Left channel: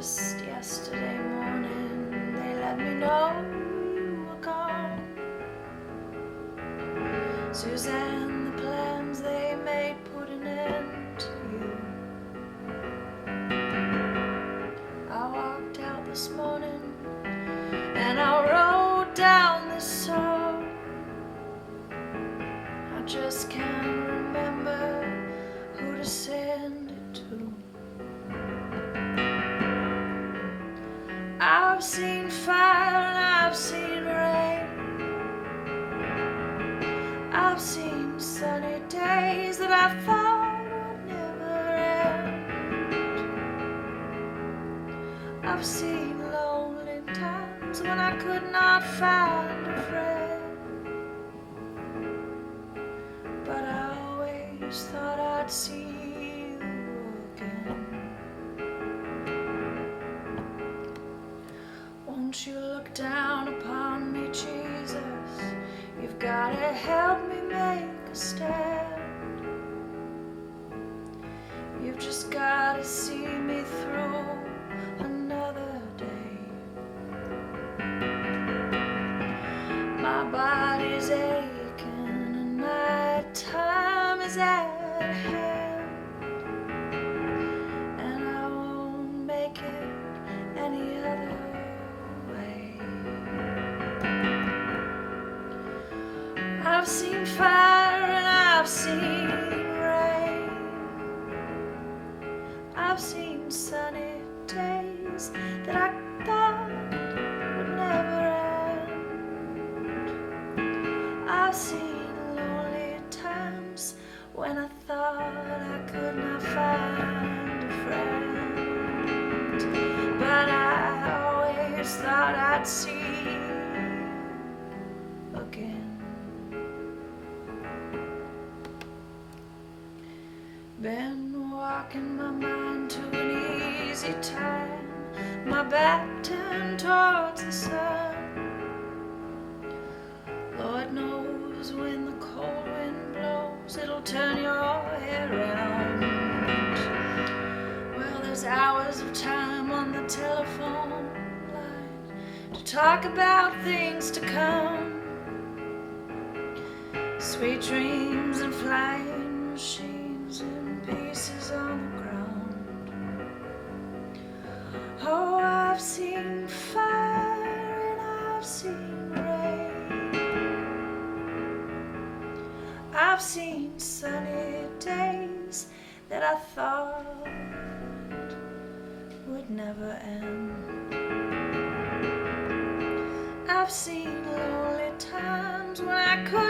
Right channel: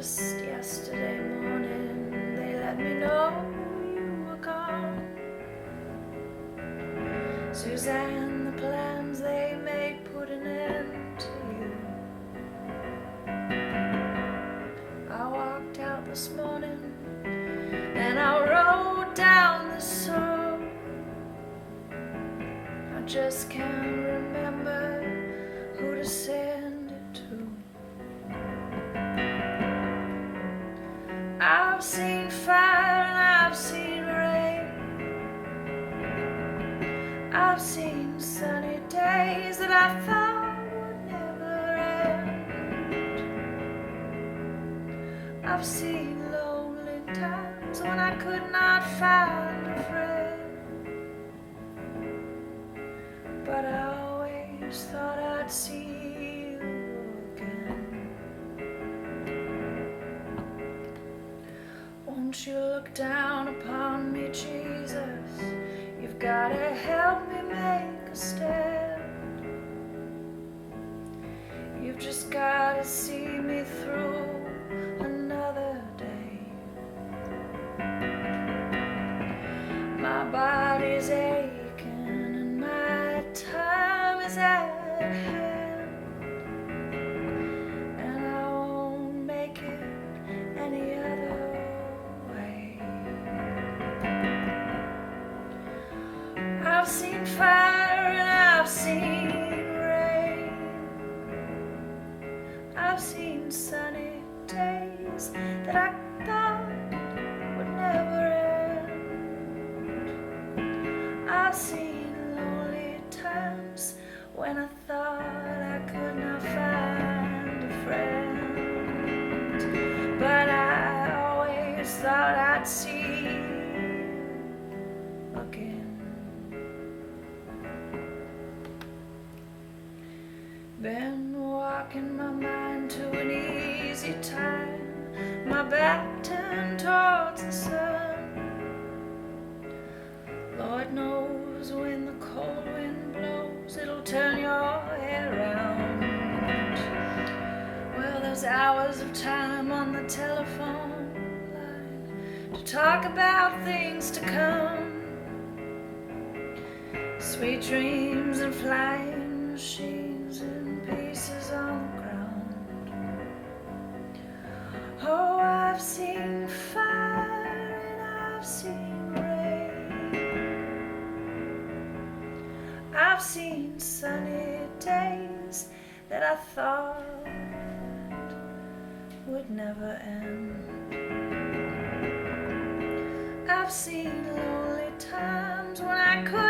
Just yesterday morning, they let me know you were gone. Suzanne, the plans they made put an end to you. I walked out this morning and I wrote down this song. I just can't remember who to send it to. I've seen fire and I've seen rain. I've seen sunny days that I thought would never end. I've seen lonely times when I could not find a friend. But I always thought I'd see you again. Won't you look down upon me, Jesus? You've gotta help me make a stand. You've just gotta see me through another day. My body's aching and my time is at hand, and I won't make it any other way. I've seen fire and I've seen rain. I've seen sunny days that I thought would never end. I've seen lonely times when I thought I could not find a friend. But I always thought I'd see you again. Been walking my mind to an easy time, my back turned towards the sun. Lord knows when the cold wind blows, it'll turn your head around. Well, there's hours of time on the telephone line to talk about things to come. Sweet dreams and flying machines and pieces on the ground. Oh, I've seen fire and I've seen rain. I've seen sunny days that I thought would never end. I've seen lonely times when I could